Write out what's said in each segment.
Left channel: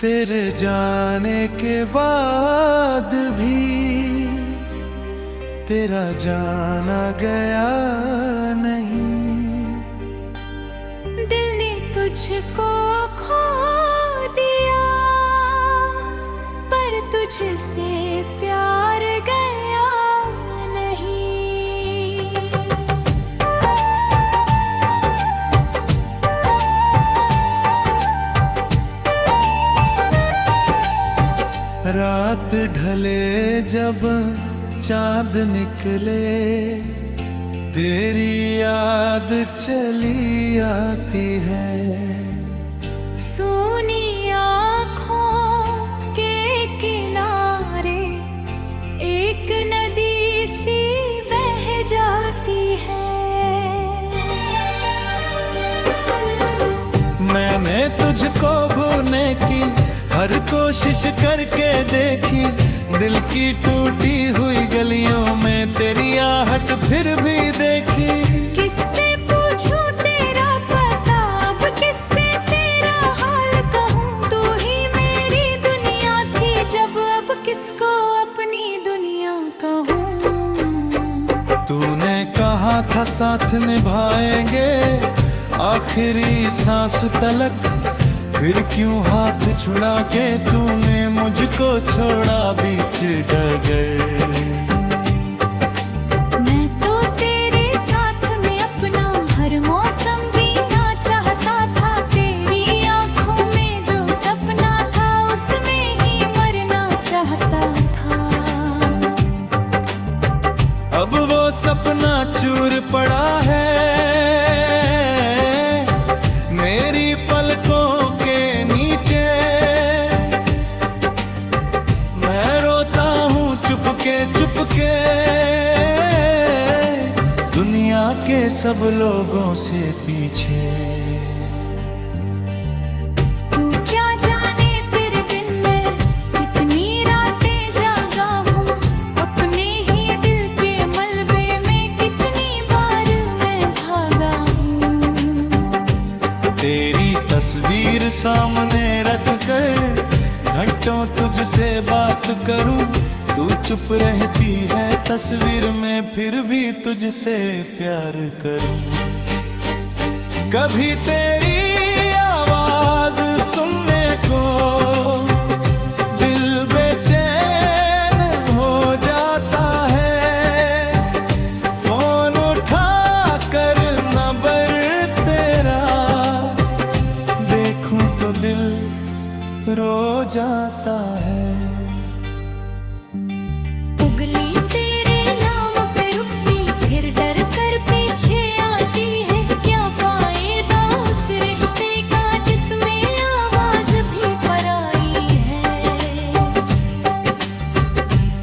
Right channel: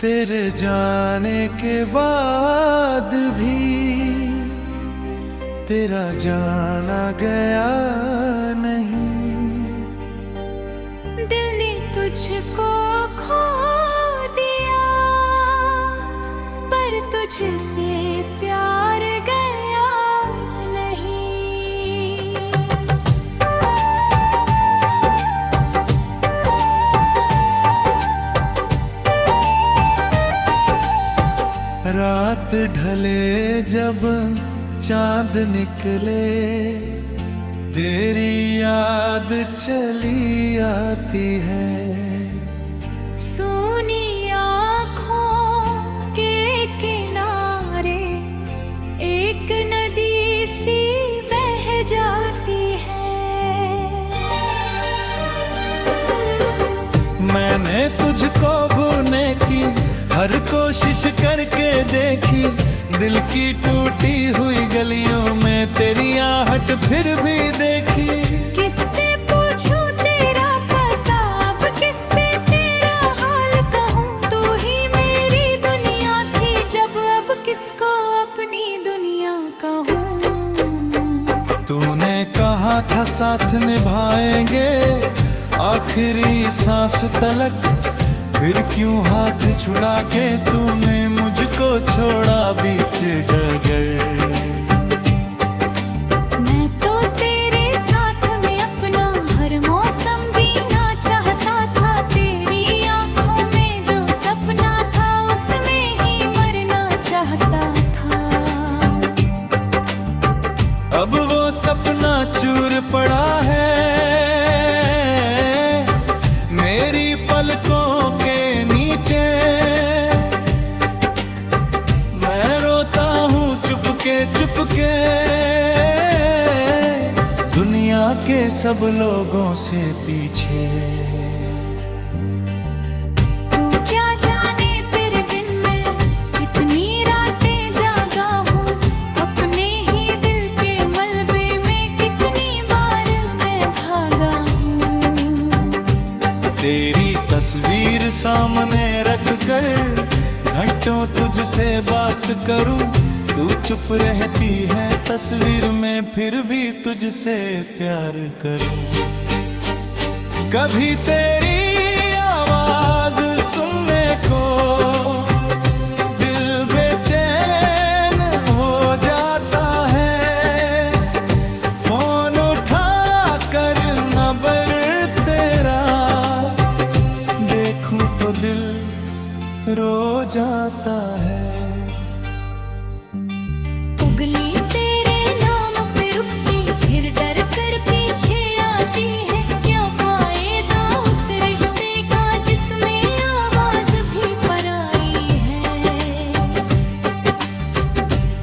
तेरे जाने के बाद भी तेरा जाना गया नहीं। दिल ने तुझको खो दिया पर तुझसे प्यार गया नहीं। रात ढले जब चांद निकले तेरी याद चली आती है। सूनी आँखों के किनारे एक नदी सी बह जाती है। मैंने तुझको भूलने की हर कोशिश करके देखी, दिल की टूटी हुई गलियों में तेरी आहट फिर भी देखी। किससे पूछूं तेरा पता, अब किससे तेरा हाल कहूँ। तू ही मेरी दुनिया थी जब, अब किसको अपनी दुनिया कहूँ। तूने कहा था साथ निभाएंगे आखिरी सांस तलक, फिर क्यों हाथ छुड़ा के तूने मुझको छोड़ा बीच डगर। मैं तो तेरे साथ में अपना हर मौसम जीना चाहता था। तेरी आंखों में जो सपना था उसमें ही मरना चाहता था। अब वो सपना चूर पड़ा है मेरी पलकों के नीचे। मैं रोता हूँ चुपके चुपके दुनिया के सब लोगों से पीछे। तू क्या जाने तेरे बिन मैं कितनी रातें जागा हूँ, अपने ही दिल के मलबे में कितनी बार मैं भागा हूँ। तेरी तस्वीर सामने रख कर घंटों तुझसे बात करूं, तू चुप रहती है तस्वीर में फिर भी तुझसे प्यार करूं। कभी तेरी आवाज सुनने को दिल बेचैन हो जाता है। फोन उठा कर नंबर तेरा देखूं तो दिल रो जाता है। उगली तेरे नाम पे रुकती फिर डर कर पीछे आती है। क्या फायदा उस रिश्ते का जिसमें आवाज भी पराई है।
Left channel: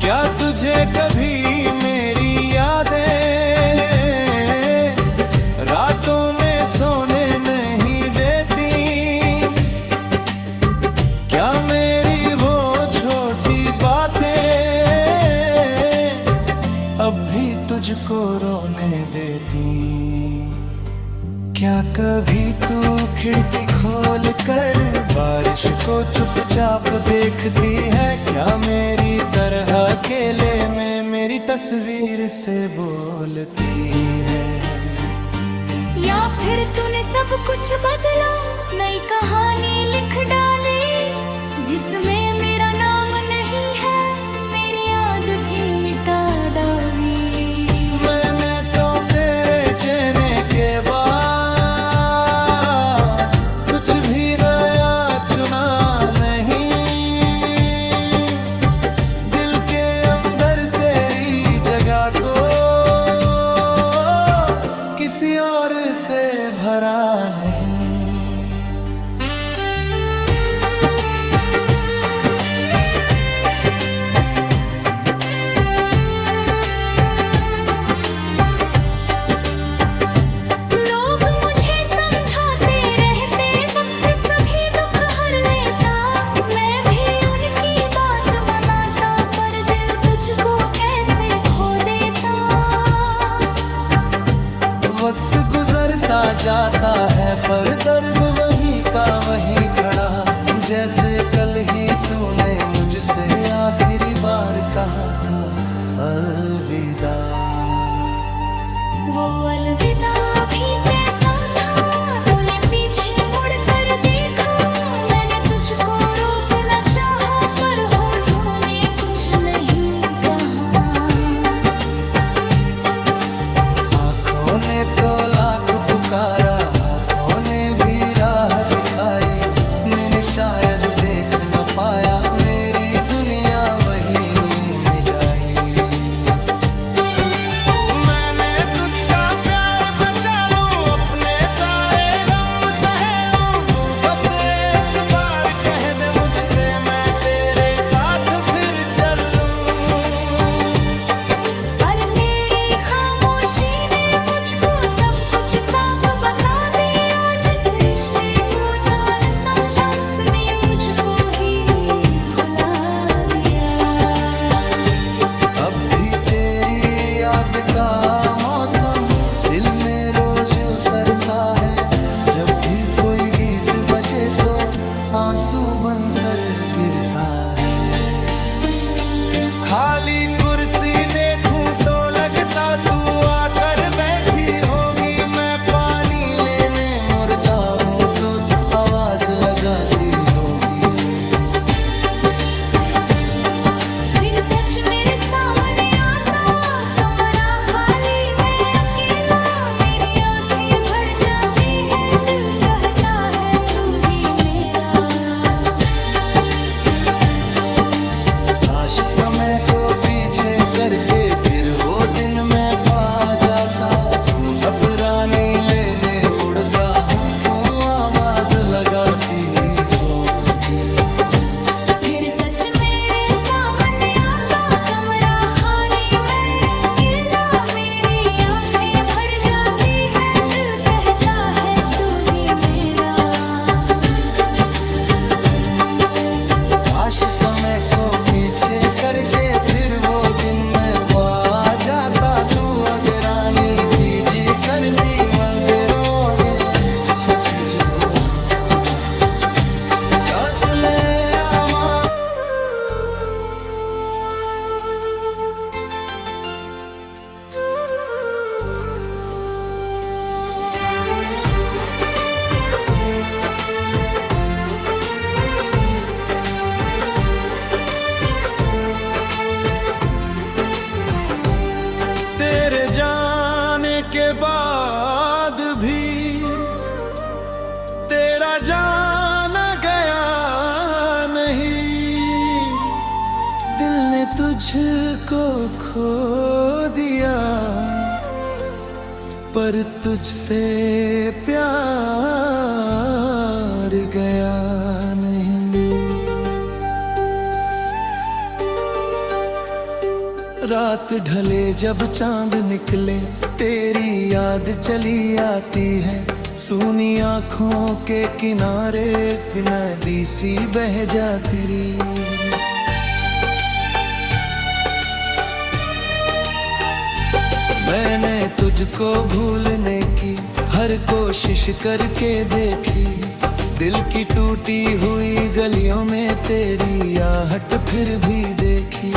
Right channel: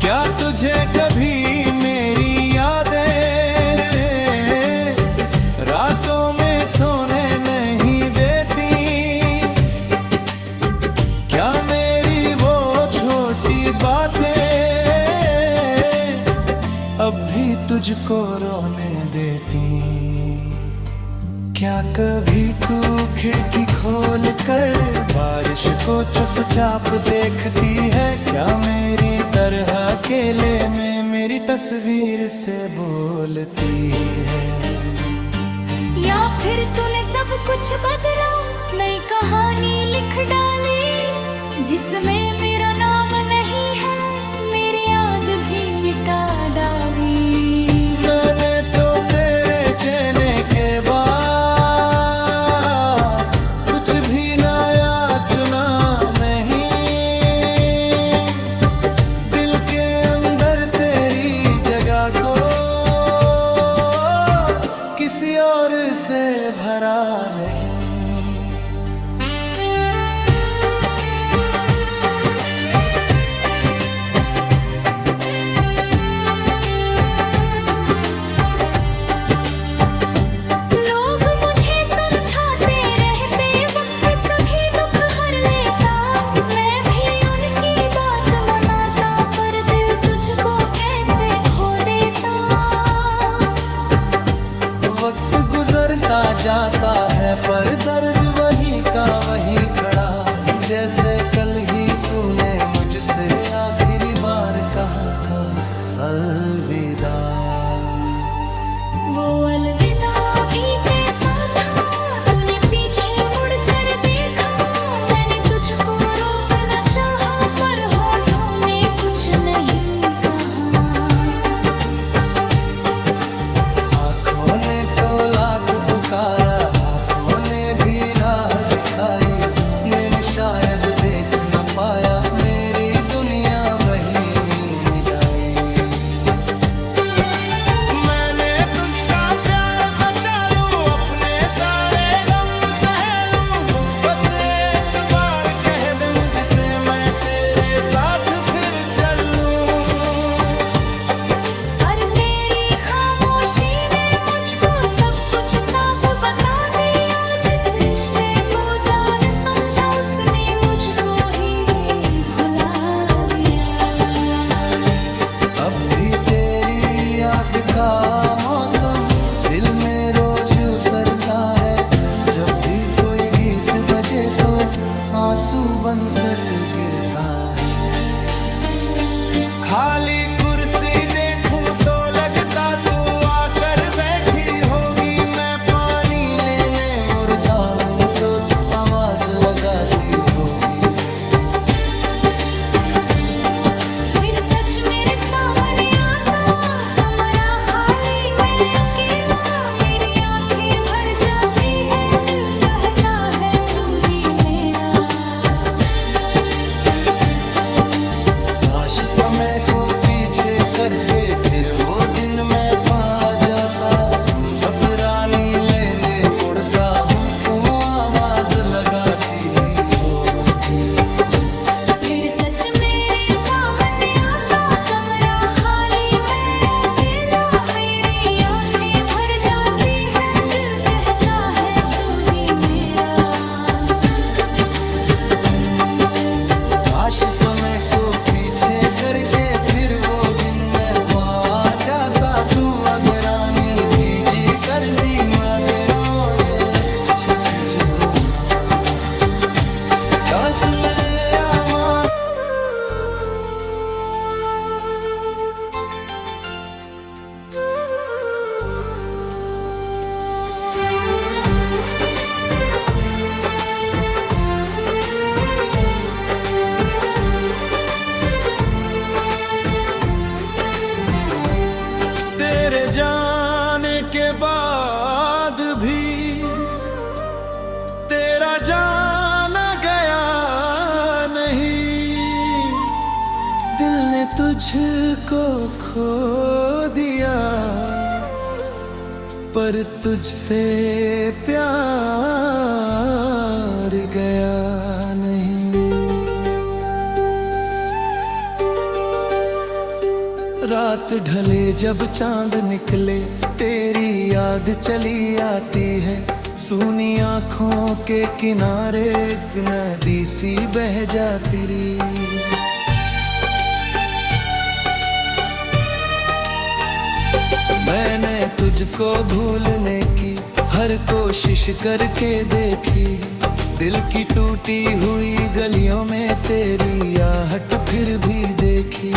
क्या तुझे कभी मेरी यादें रातों में सोने नहीं देती। क्या मेरी वो छोटी बातें अब भी तुझको रोने देती। क्या कभी तू खिड़की खोल कर बारिश को चुपचाप देखती है। क्या मेरी तरह अकेले में मेरी तस्वीर से बोलती है। या फिर तूने सब कुछ बदला, नई कहानी लिख डाली जिसमें मेरा नाम नहीं है, मेरी याद भी मिटा डाली। मैंने तो तेरे जाने के बाद कुछ भी नया चुना नहीं। दिल के अंदर तेरी जगह को किसी और से भरा नहीं। वक्त गुजरता जाता है पर दर्द वही का वही खड़ा। जैसे कल ही तूने मुझसे आखिरी बार कहा था अलविदा। वो अलविदा भी कैसा था, तूने पीछे मुड़कर देखा। मैंने तुझको रोकना चाहा पर होठों ने कुछ नहीं कहा। आँखों ने तो लाख पुकारा, हाथों ने भी राह दिखाई। मैंने शायद देख न पाया मेरी दुनिया वही मिटाई। मैंने तुझका प्यार बचा लूं, अपने सारे गम सह लूं। तू बस एक बार कह दे मुझसे, मैं तेरे साथ फिर चल लूं। पर तेरी खामोशी ने मुझको सब कुछ साफ बता दिया। जिस रिश्ते को जान समझा उसने मुझको ही भुला दिया। अब भी तेरी याद का मौसम दिल में रोज उतरता है। जब भी कोई गीत बजे तो आंसू बनकर गिरता है। खाली कुर्सी देखूं तो लगता तू आकर बैठी होगी। मैं पानी लेने मुड़ता हूँ तो आवाज लगाती होगी। फिर सच मेरे सामने आता, कमरा खाली मैं अकेला। मेरी आंखें भर जाती है, दिल कहता है तू ही मेरा। काश समय को पीछे करके फिर वो दिन मैं पा जाता। तू ठपरानी लेने मुड़ता हूँ, तू आवाज लगाती होगी। फिर सच मेरे सामने आता, कमरा खाली मैं अकेला। मेरी आंखें भर जाती है, दिल कहता है तू ही मेरा। काश समय को पीछे करके फिर वो दिन मैं पा जाता। तू अगरानी कीजिए करती मैं बेरोगे छुप जाऊं। कासले आमा तेरे जाने के बाद भी तेरा जाना गया नहीं। दिल ने तुझको खो दिया पर तुझसे प्यार गया नहीं। रात ढले जब चांद निकले तेरी याद चली आती है। सूनी आँखों के किनारे एक नदी सी बह जाती रही। मैंने तुझको भूलने की हर कोशिश करके देखी। दिल की टूटी हुई गलियों में तेरी आहट फिर भी देखी।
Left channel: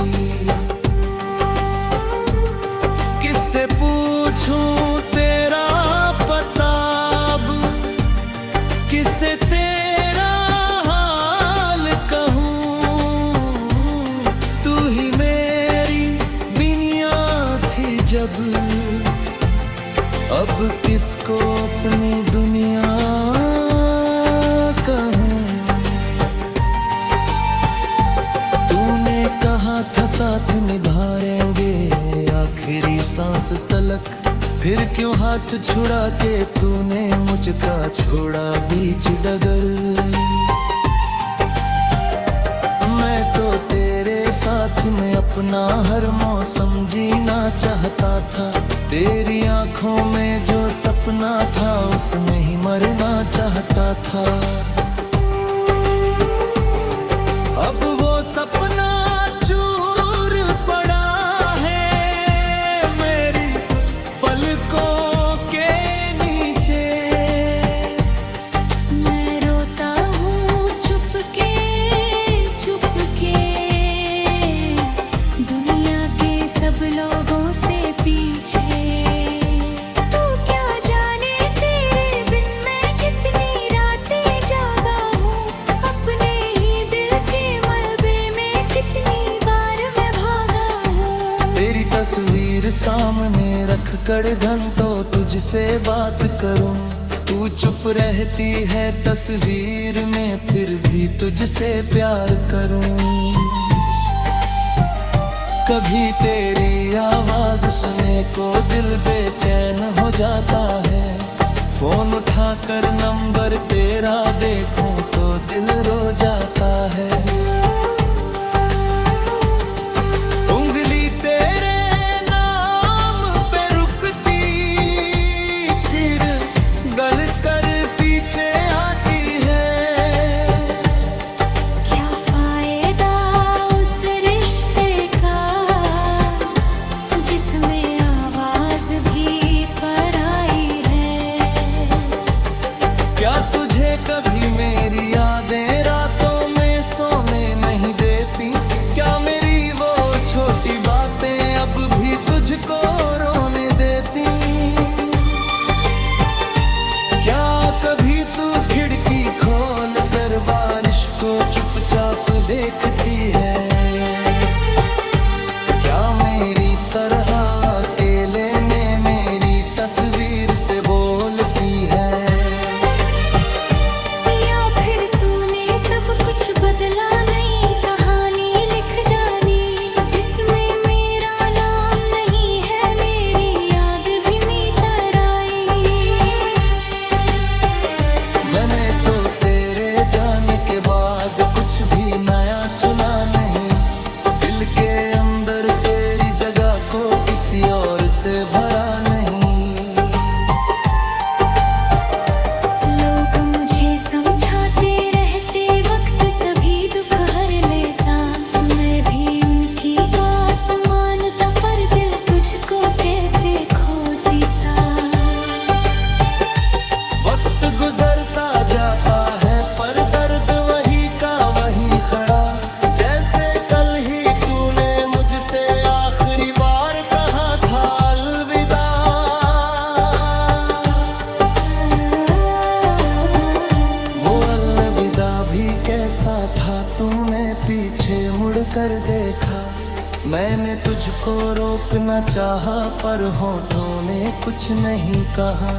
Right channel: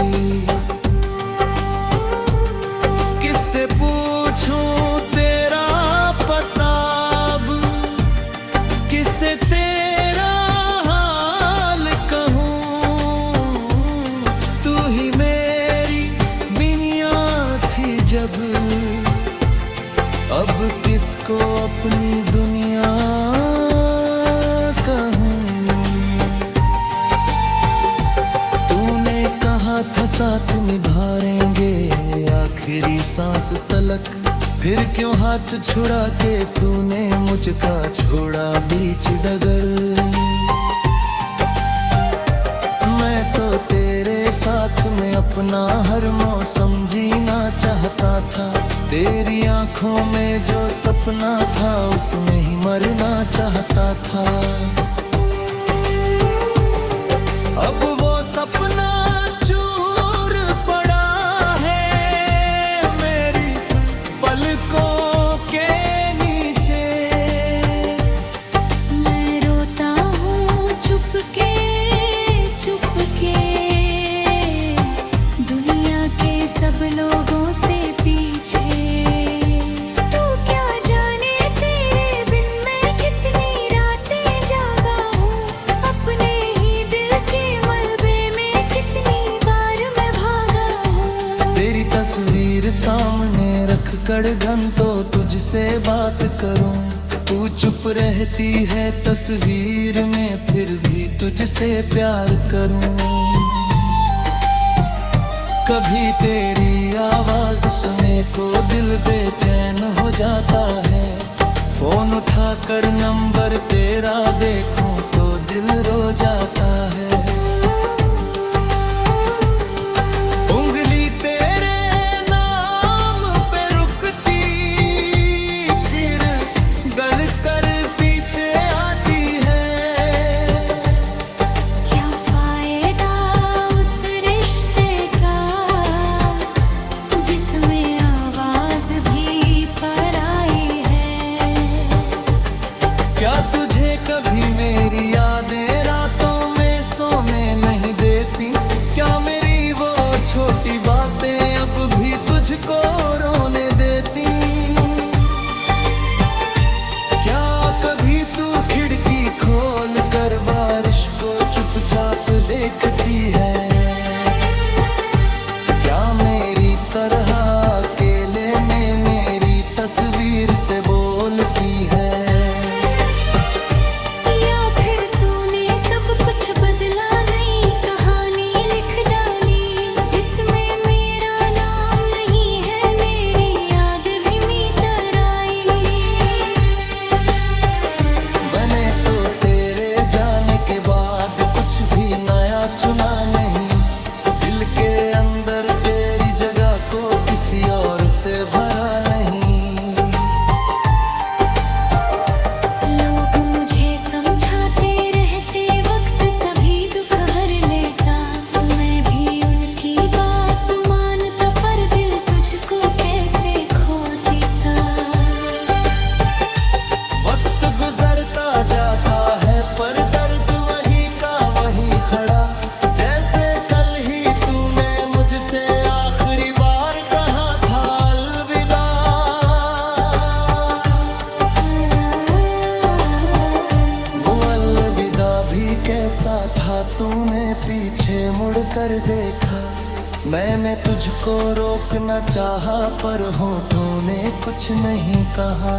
किससे पूछूं तेरा पता अब, किससे तेरा हाल कहूँ। तू ही मेरी दुनिया थी जब, अब किसको अपनी दुनिया कहूँ। तूने कहा था साथ निभाएंगे आखिरी सांस तलक, फिर क्यों हाथ छुड़ा के तूने मुझका छोड़ा बीच डगर। मैं तो तेरे साथ में अपना हर मौसम जीना चाहता था। तेरी आंखों में जो सपना था उसमें ही मरना चाहता था। अब वो सपना चूर पड़ा है मेरी पलकों के नीचे। मैं रोता हूँ चुपके सब लोगों से पीछे। तू क्या जाने तेरे बिन मैं कितनी रातें जागा हूँ, अपने ही दिल के मलबे में कितनी बार मैं भागा हूँ। तेरी तस्वीर सामने रख कर घन तो तुझसे बात करूं, तू चुप रहती है तस्वीर में फिर भी तुझसे प्यार करूं। कभी तेरी आवाज सुने को दिल बेचैन हो जाता है, फोन उठाकर नंबर तेरा देखूं तो दिल रो जाता है। उंगली तेरे नाम पे रुकती फिर गल कर पीछे आती है। क्या फायदा उस रिश्ते का जिसमें आवाज भी पराई है। क्या तुझे कभी मेरी यादें रातों में सोने नहीं देती, क्या मेरी वो छोटी बातें अब भी तुझको रोने देती। क्या कभी तू खिड़की खोल कर बारिश को चुपचाप देखती है, क्या मेरी तरह अकेले में मेरी तस्वीर से बोलती है। या फिर तूने सब कुछ बदला नहीं, कहानी लिख डाली जिसमें मेरा नाम नहीं है, मेरी याद भी मीटर आई। मैंने तो तेरे जाने के बाद कुछ भी नया चुना नहीं, दिल के अंदर तेरी जगह को किसी और से भरा नहीं। लोग मुझे समझाते रहते वक्त सभी दुख हर लेता, मैं भी उनकी बात मानता पर दिल तुझको कैसे खो देता। वक्त गुजरता जाता है पर दर्द वही का वही खड़ा, जैसे कल ही तूने मुझसे आखिरी बार कहा था अलविदा। वो अलविदा भी कैसा था तूने पीछे मुड़ कर देखा, मैंने तुझको रोकना चाहा पर होठों ने कुछ नहीं कहा।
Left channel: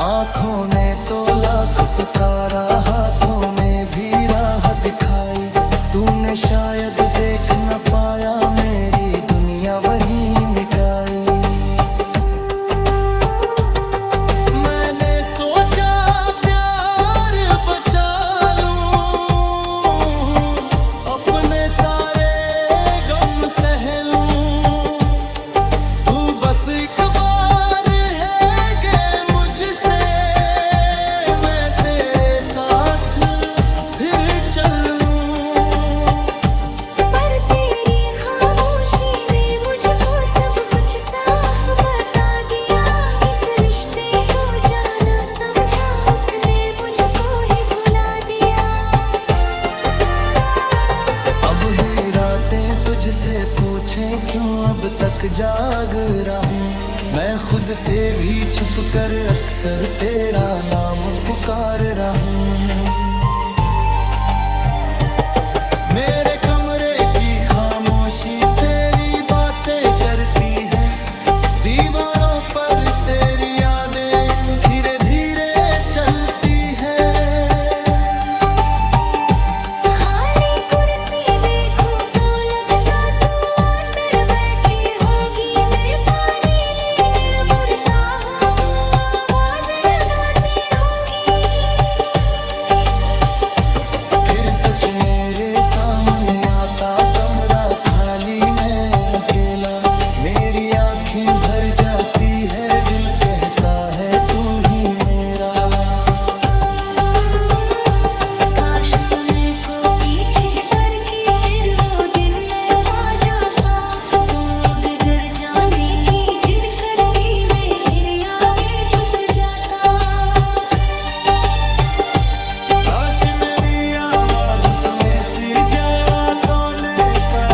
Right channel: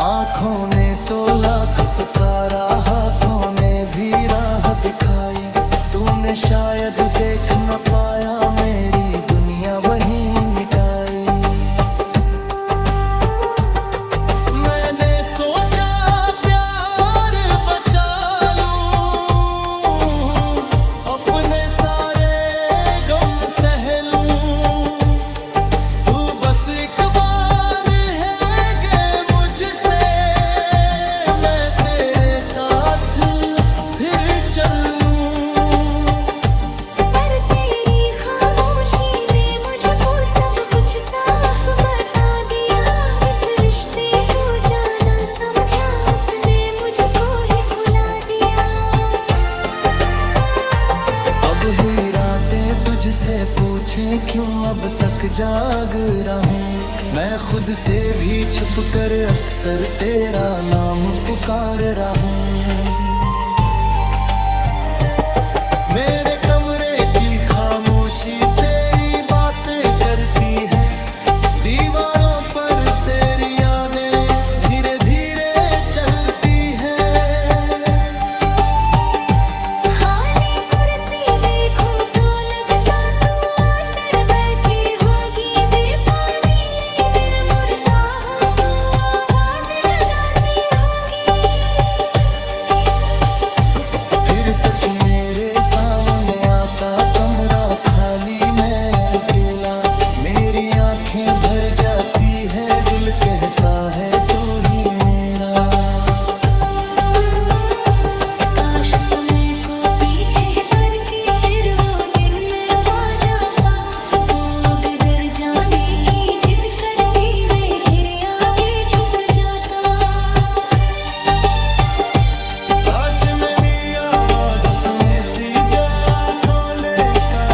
आँखों ने तो लाख पुकारा, हाथों ने भी राह दिखाई, तूने शायद देख न पाया मेरी दुनिया वही मिटाई। मैंने सोचा प्यार बचा लूं, अपने सारे गम सह लूं, तू बस एक बार है गे मुझसे, मैं तेरे साथ फिर चलूं। पर तेरी खामोशी ने मुझको सब कुछ साफ बता दिया, जिस रिश्ते को जाना समझा उसने मुझको ही भुला दिया। अब ही रातें तुझसे पूछें क्यों अब तक जाग रहूं, मैं खुद से भी छुप कर अक्सर तेरा नाम पुकार रहूं। मेरे कमरे की खामोशी तेरी बातें करती है, दीवारों पर तेरी यादें धीरे धीरे चलती है। खाली कुर्सी देखूं तो लगता तू आकर बैठी होगी, मैं पानी लेने मुड़ता हूँ तो आवाज लगाती होगी। फिर सच मेरे सामने आता कमरा खाली मैं अकेला, मेरी आंखें भर जाती है दिल कहता है तू ही मेरा। काश समय को पीछे करके फिर वो दिन मैं पा जाता, वो बिगड़ जाने की जिद करती मैं तेरे आगे झुक जाता। काश मेरी आवाज सुनती जरा तो ने का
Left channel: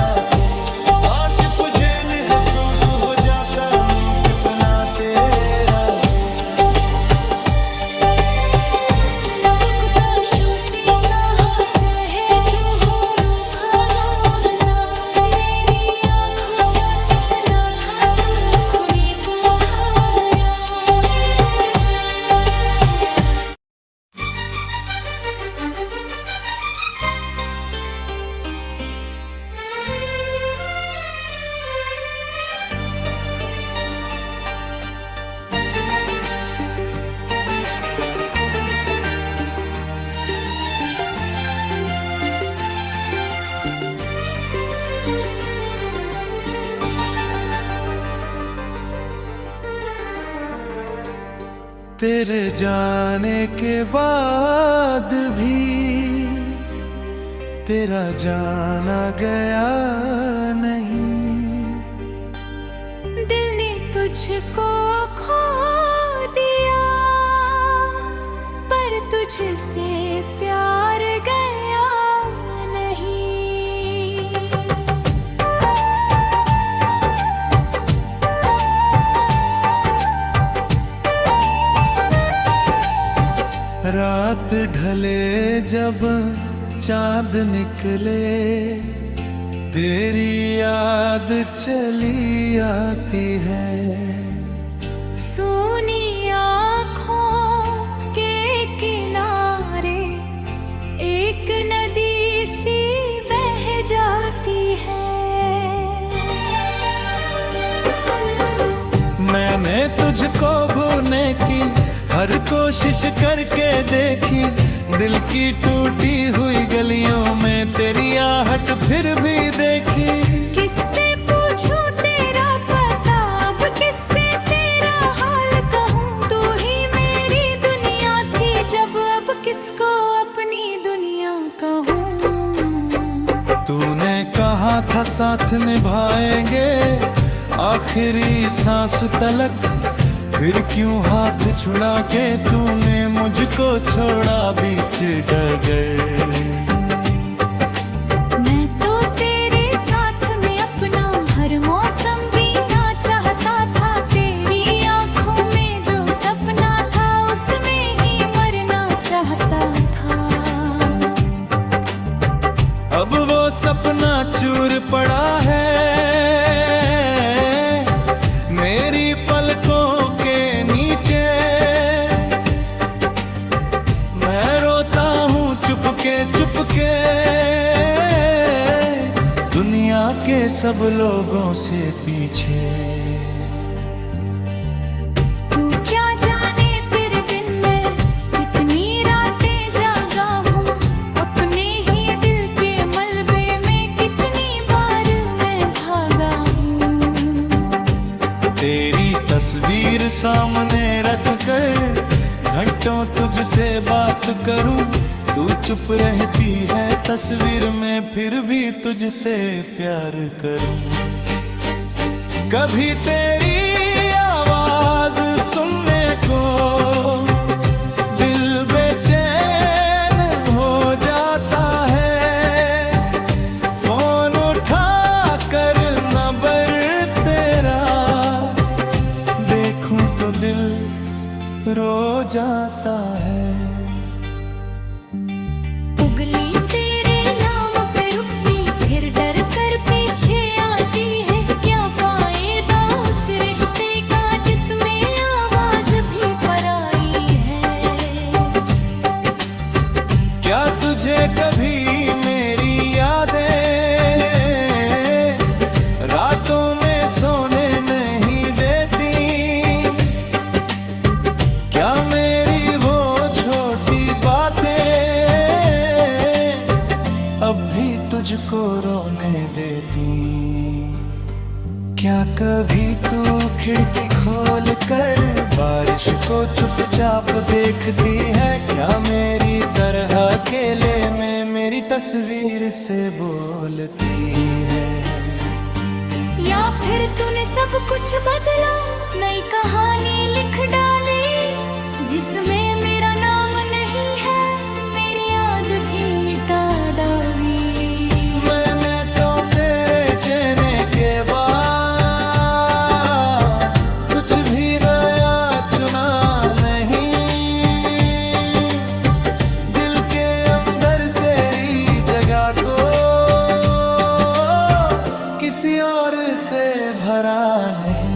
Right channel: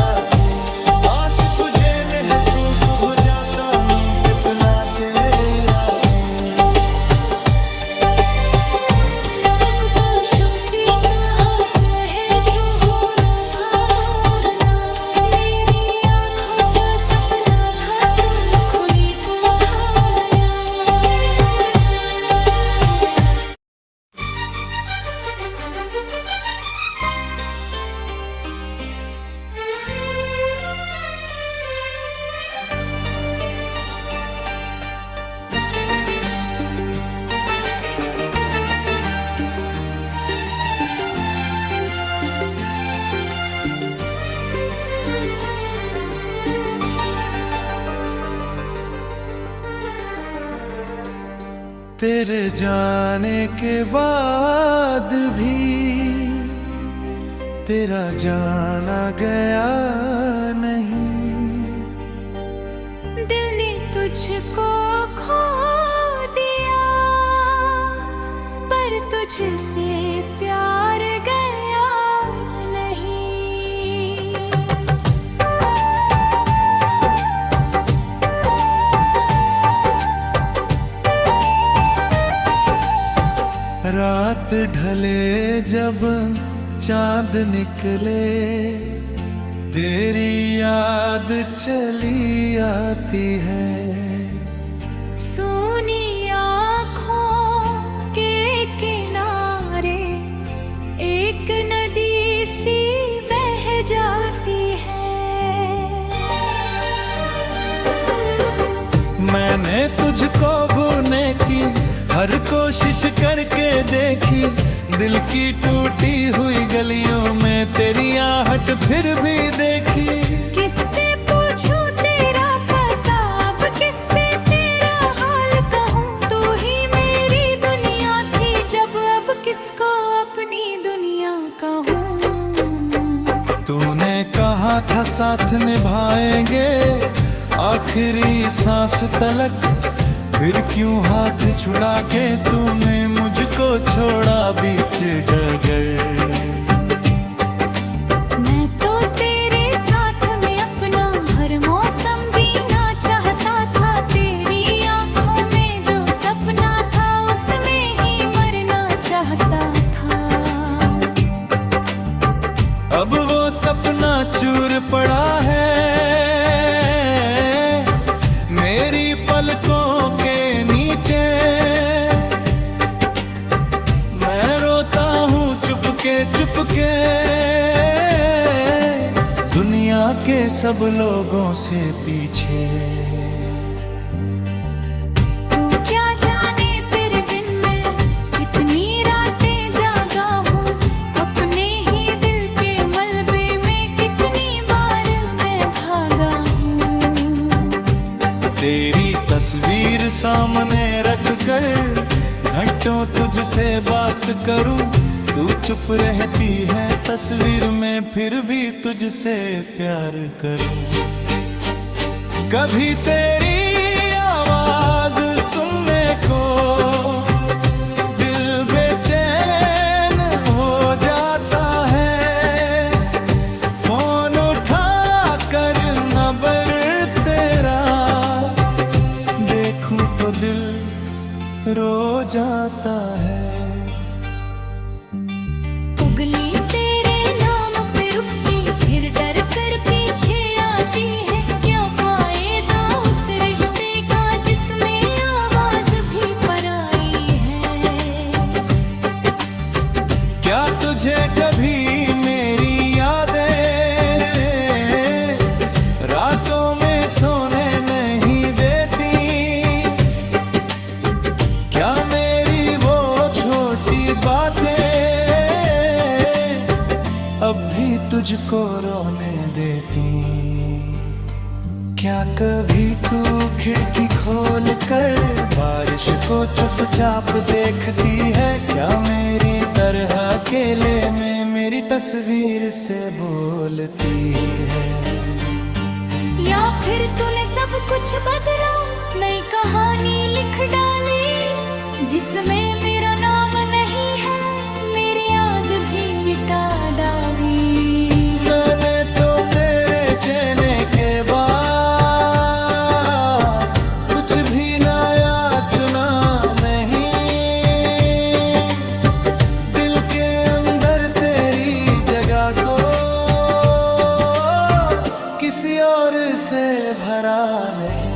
तेरे जाने के बाद भी तेरा जाना गया नहीं। दिल ने तुझको खो दिया पर तुझसे प्यार गया नहीं। रात ढले जब चांद निकले तेरी याद चली आती है। सोनी आँखों के किनारे एक नदी सी बह जाती है। मैंने तुझको भूलने की हर कोशिश करके देखी, दिल की टूटी हुई गलियों में तेरी आहट फिर भी देखी। किससे पूछूं तेरा पता, अब किससे तेरा हाल कहूँ। तू ही मेरी दुनिया थी जब, अब किसको अपनी दुनिया कहूँ। तूने कहा था साथ निभाएंगे आखिरी सांस तलक, फिर क्यों हाथ छुड़ा के तूने मुझको छोड़ा बीच डगर। मैं तो तेरे साथ में अपना हर मौसम जीना चाहता था। तेरी आंखों में जो सपना था उसमें ही मरना चाहता था। अब वो सपना चूर पड़ा है मेरी पलकों के नीचे। मैं रोता हूँ चुपके चुपके दुनिया के सब लोगों से पीछे। तू क्या जाने तेरे बिन मैं कितनी रातें जागा हूँ, अपने ही दिल के मलबे में कितनी बार मैं भागा हूँ। तेरी तस्वीर सामने रख कर घंटों तुझसे बात करूं, तू चुप रहती है तस्वीर में फिर भी तुझसे प्यार करूं। कभी तेरी आवाज सुनने को दिल बेचैन हो जाता है। फोन उठा कर नंबर तेरा देखूं तो दिल रो जाता है। उगली तेरे नाम पे रुकती फिर डर कर पीछे आती है। क्या फायदा उस रिश्ते का जिसमें आवाज भी पराई है। क्या तुझे कभी मेरी यादें रातों में सोने नहीं देती। क्या मेरी वो छोटी बातें अब भी तुझको रोने देती। क्या कभी तू खिड़की खोल कर बारिश को चुपचाप देखती है। क्या मेरी तरह अकेले में मेरी तस्वीर से बोलती है। या फिर तूने सब कुछ बदला, नई कहानी लिख डाली जिसमें मेरा नाम नहीं है, मेरी याद भी मिटा डाली। मैंने तो तेरे जाने के बाद कुछ भी नया चुना नहीं। दिल के अंदर तेरी जगह को किसी और से भरा नहीं।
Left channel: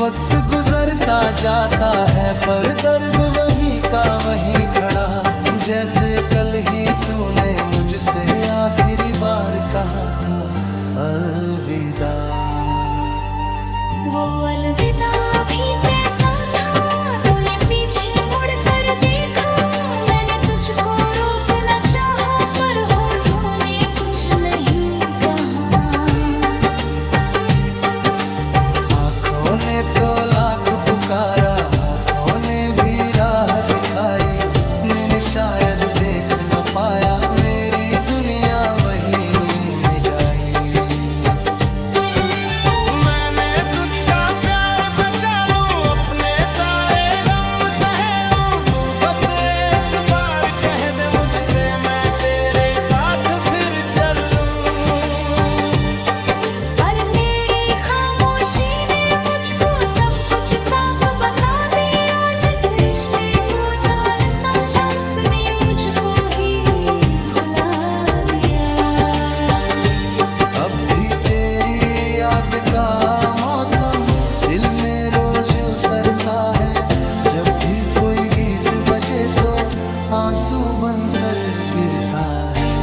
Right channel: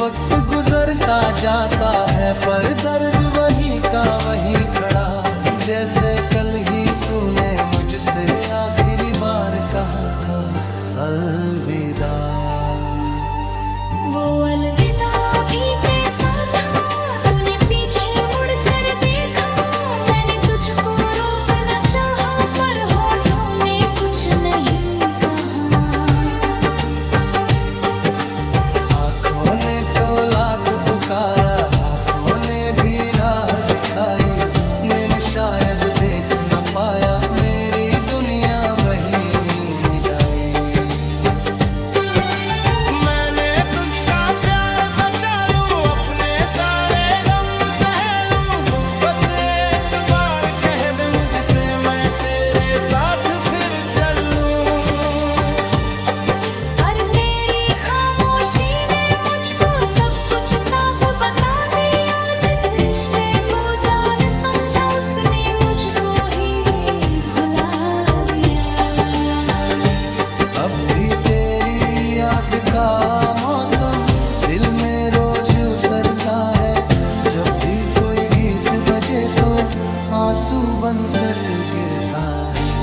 वक्त गुजरता बढ़ता जाता है, पर दर्द वही का वही खड़ा। जैसे कल ही तूने मुझसे आखिरी बार कहा था अलविदा। वो अलविदा भी कैसा था, तूने पीछे मुड़ कर देखा। मैंने तुझको रोकना चाहा, पर होठों ने कुछ नहीं कहा। आँखों ने तो लाख पुकारा, हाथों ने भी राह दिखाई। मैंने शायद देख न पाया, मेरी दुनिया वही मिटाई। मैंने तुझका प्यार बचा लूं, अपने सारे गम सह लूं। तू बस एक बार कह दे मुझसे, मैं तेरे साथ फिर चलूं। पर तेरी खामोशी ने मुझको सब कुछ साफ बता दिया। जिस रिश्ते को जान समझा, उसने मुझको ही भुला दिया। अब भी तेरी याद का मौसम दिल में रोज उतरता है। जब भी कोई गीत बजे तो आंसू बनकर गिरता है।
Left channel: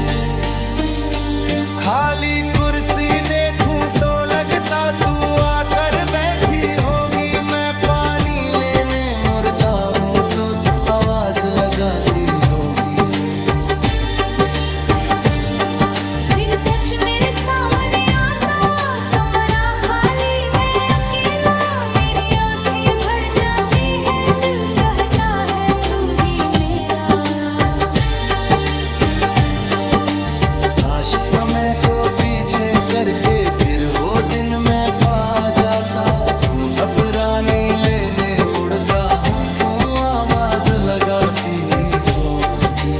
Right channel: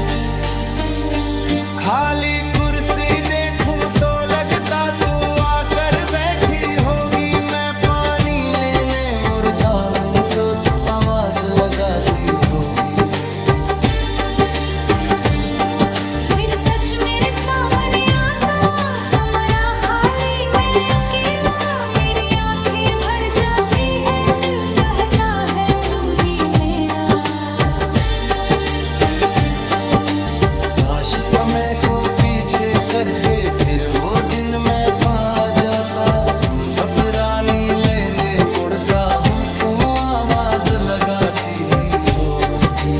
खाली कुर्सी देखूं तो लगता तू आकर बैठी होगी। मैं पानी लेने मुड़ता हूँ तो आवाज लगाती होगी। फिर सच मेरे सामने आता, कमरा खाली मैं अकेला। मेरी आंखें भर जाती है, दिल कहता है तू ही मेरा। काश समय को पीछे करके फिर वो दिन मैं पा जाता। तू ठपरानी लेने मुड़ता हूँ, तू आवाज लगाती होगी।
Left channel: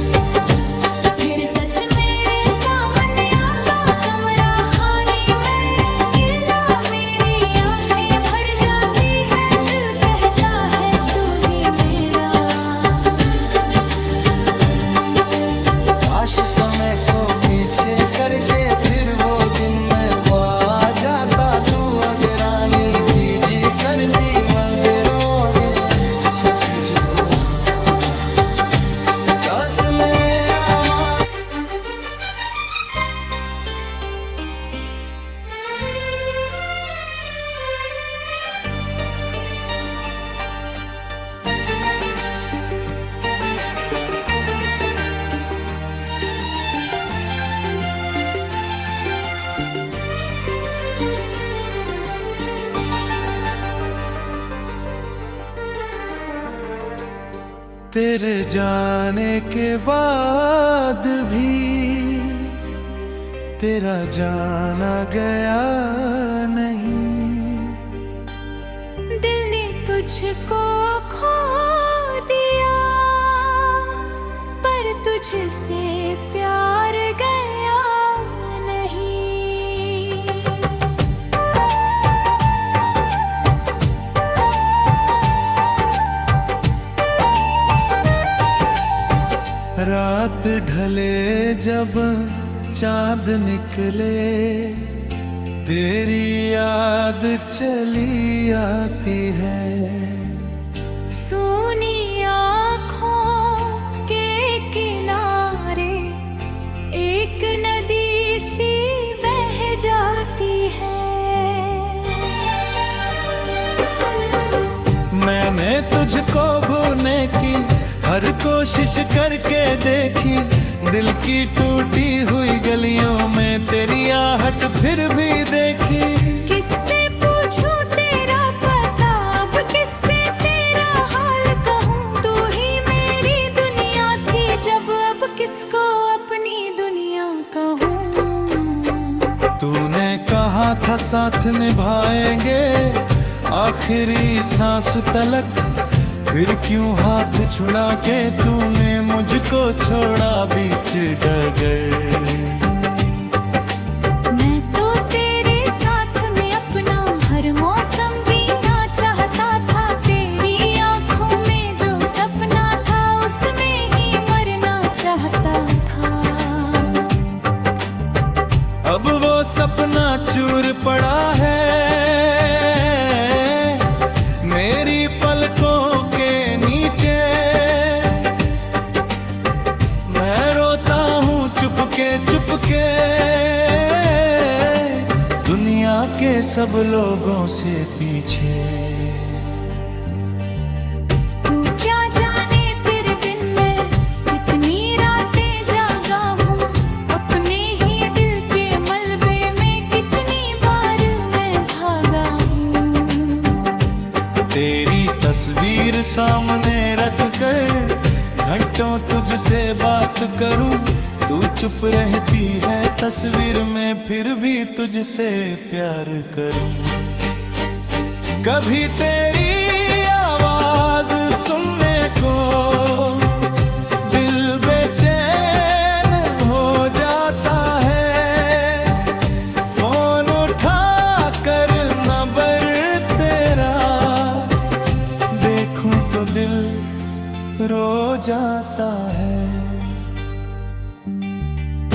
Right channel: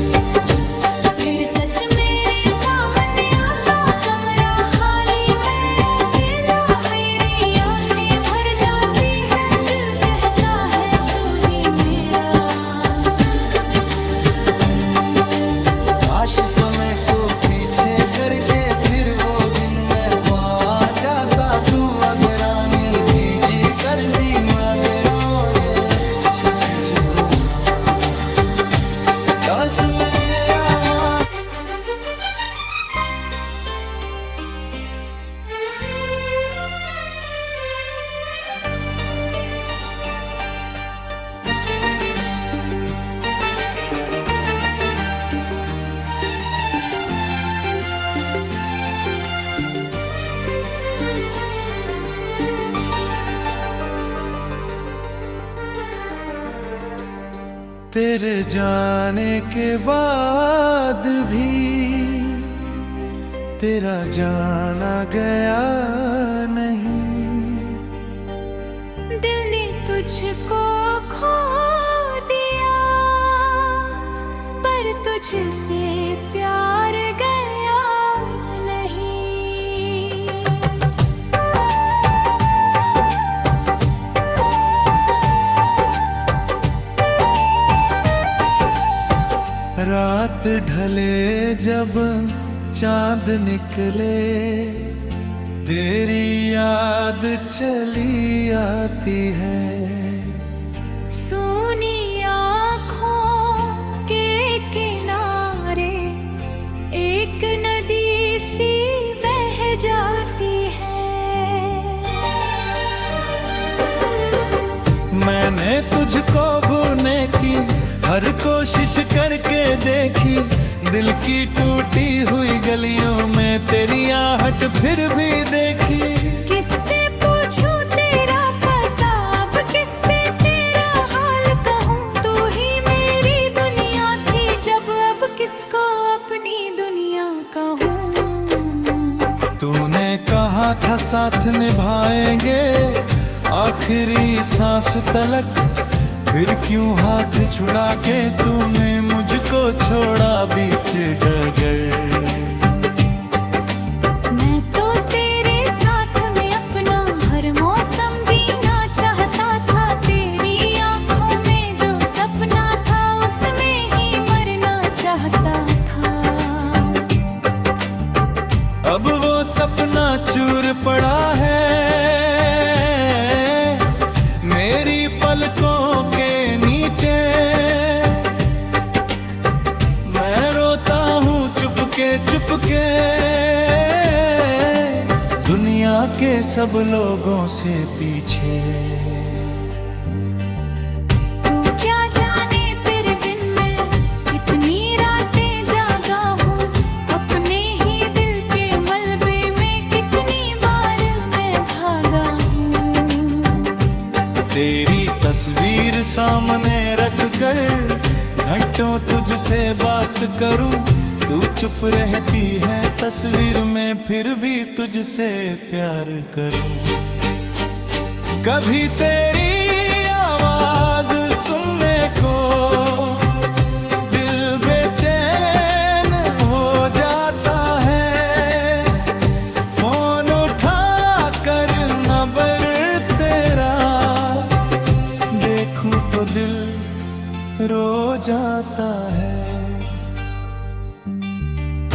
फिर सच मेरे सामने आता, कमरा खाली मैं अकेला। मेरी आंखें भर जाती है, दिल कहता है तू ही मेरा। काश समय को पीछे करके फिर वो दिन मैं पा जाता। तू अगरानी कीजी करती, मैं बेरोगे छुप जाता। काश मैं आमा तेरे जाने के बाद भी तेरा जाना गया नहीं। दिल ने तुझको खो दिया, पर तुझसे प्यार गया नहीं। रात ढले जब चांद निकले, तेरी याद चली आती है। सूनी आँखों के किनारे एक नदी सी बह जाती है। मैंने तुझको भूलने की हर कोशिश करके देखी। दिल की टूटी हुई गलियों में तेरी आहट फिर भी देखी। किससे पूछूं तेरा पता, अब किससे तेरा हाल कहूँ। तू ही मेरी दुनिया थी जब, अब किसको अपनी दुनिया कहूँ। तूने कहा था साथ निभाएंगे आखिरी सांस तलक, फिर क्यों हाथ छुड़ा के तूने मुझको छोड़ा बीच डगर। मैं तो तेरे साथ में अपना हर मौसम जीना चाहता था। तेरी आंखों में जो सपना था, उसमें ही मरना चाहता था। अब वो सपना चूर पड़ा है, मेरी पलकों के नीचे मैं रोता हूँ चुपके चुपके, दुनिया के सब लोगों से पीछे। तू क्या जाने तेरे बिन मैं कितनी रातें जागा हूँ, अपने ही दिल के मलबे में कितनी बार मैं भागा हूँ। तेरी तस्वीर सामने रख कर घंटों तुझसे बात करूं, तू चुप रहती है तस्वीर में, फिर भी तुझसे प्यार करूं। कभी तेरी आवाज सुनने को दिल बेचैन हो जाता है, फोन उठा कर नंबर तेरा देखूं तो दिल रो जाता है।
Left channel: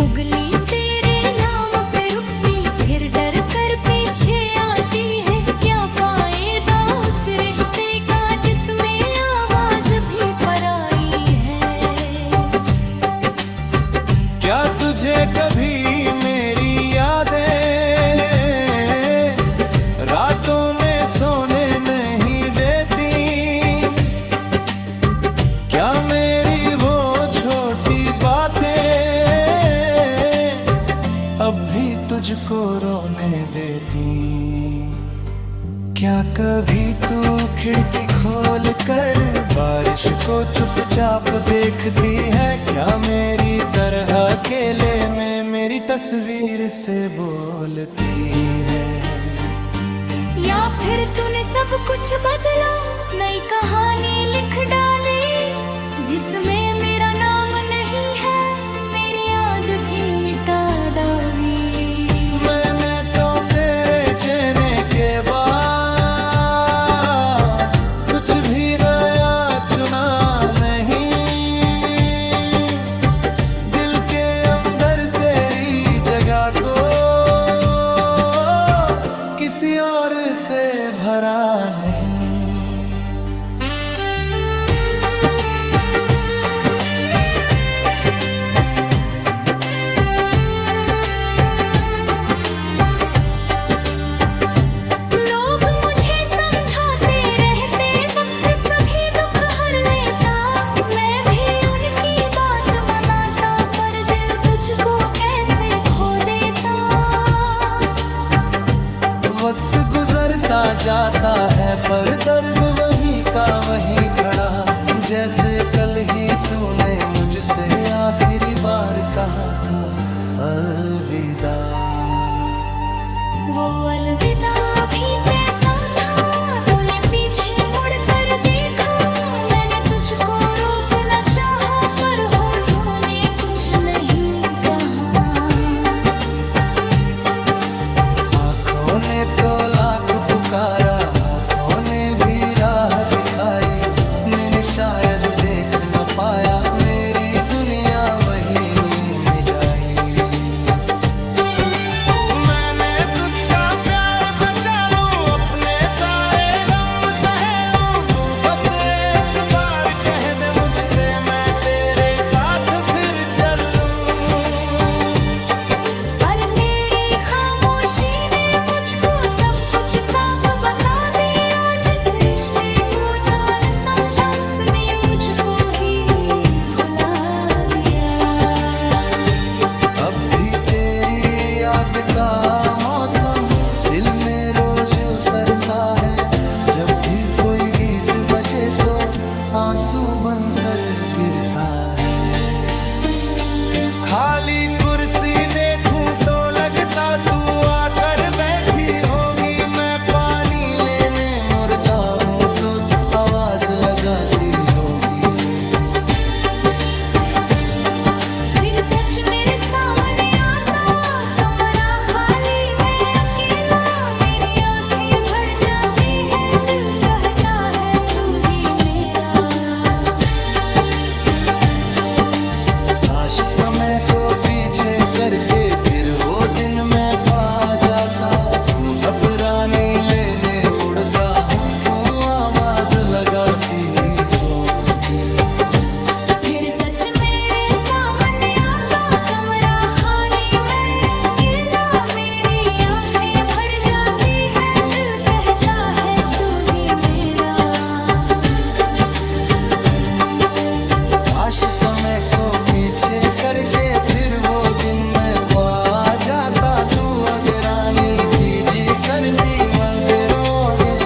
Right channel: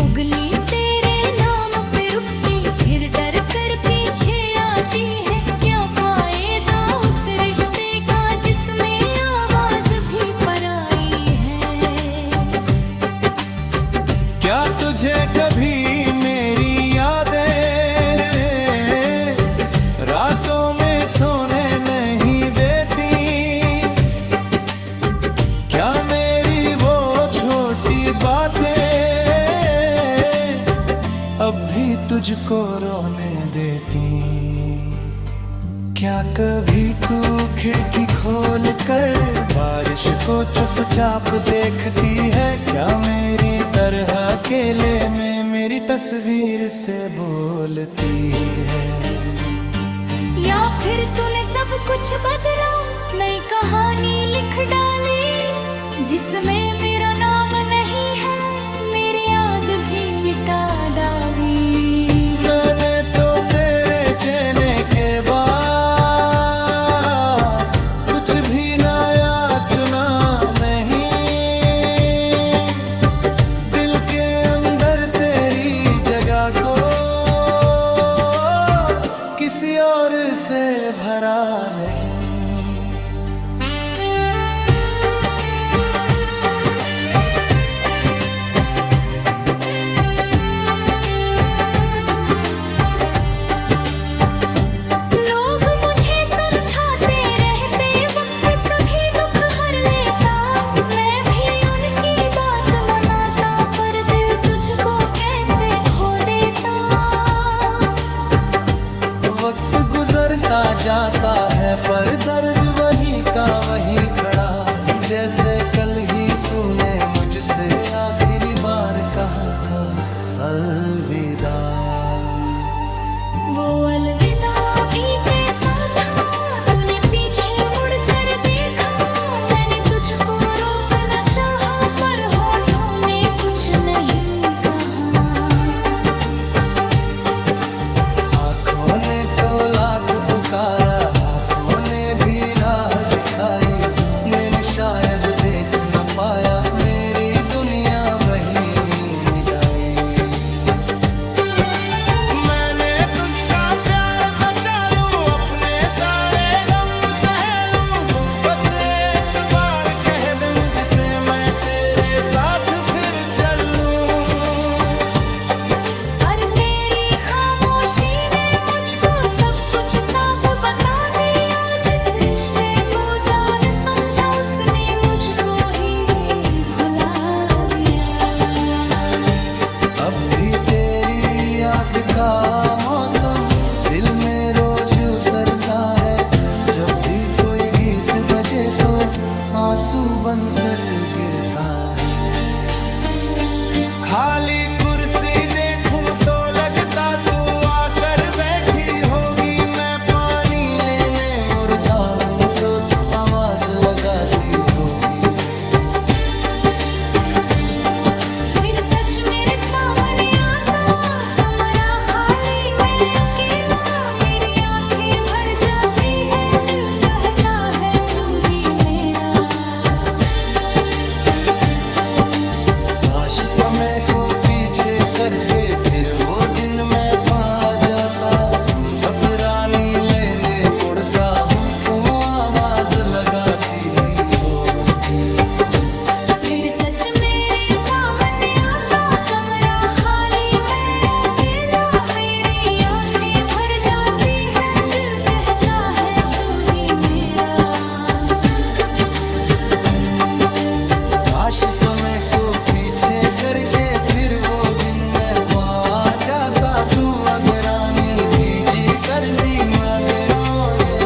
उगली तेरे नाम पे रुकती, फिर डर कर पीछे आती है, क्या फायदा उस रिश्ते का जिसमें आवाज भी पराई है। क्या तुझे कभी मेरी यादें रातों में सोने नहीं देती, क्या मेरी वो छोटी बातें अब भी तुझको रोने देती। क्या कभी तू खिड़की खोल कर बारिश को चुपचाप देखती है, क्या मेरी तरह अकेले में मेरी तस्वीर से बोलती है। या फिर तूने सब कुछ बदला, नई कहानी लिख डाली जिसमें मेरा नाम नहीं है, मेरी याद भी मिटा डाली। मैंने तो तेरे जाने के बाद कुछ भी नया चुना नहीं, दिल के अंदर तेरी जगह को किसी और से भरा नहीं। वक्त गुजरता जाता है पर दर्द वही का वही खड़ा, जैसे कल ही तूने मुझसे आखिरी बार कहा था अलविदा। वो अलविदा भी कैसा था, तूने पीछे मुड़ कर देखा, मैंने तुझको रोकना चाहा पर होठों ने कुछ नहीं कहा। आँखों ने तो लाख पुकारा, हाथों ने भी राह दिखाई, मैंने शायद देख न पाया मेरी दुनिया वही मिटाई। मैंने तुझका प्यार बचा लूं, अपने सारे गम सह लूं, तू बस एक बार कह दे मुझसे मैं तेरे साथ फिर चलूं। पर तेरी खामोशी ने मुझको सब कुछ साफ बता दिया, जिस रिश्ते को जान समझा उसने मुझको ही भुला दिया। अब भी तेरी याद का मौसम दिल में रोज उतरता है, जब भी कोई गीत बजे तो आंसू बनकर गिरता है। खाली कुर्सी देखूं तो लगता तू आकर बैठी होगी, मैं पानी लेने मुड़ता हूँ तो आवाज लगाती होगी। फिर सच मेरे सामने आता, कमरा खाली मैं अकेला, मेरी आंखें भर जाती है, दिल कहता है तू ही मेरा। काश समय को पीछे करके फिर वो दिन मैं पा जाता, तू ठपरानी लेने मुड़ता हूँ, तू आवाज आवाज लगाती होगी। फिर सच मेरे सामने आता, कमरा खाली मैं अकेला, मेरी आंखें भर जाती है, दिल कहता है तू ही मेरा। काश समय को पीछे करके फिर वो दिन मैं पा जाता, तू अगर आनी की जी करती मैं बेरोगे।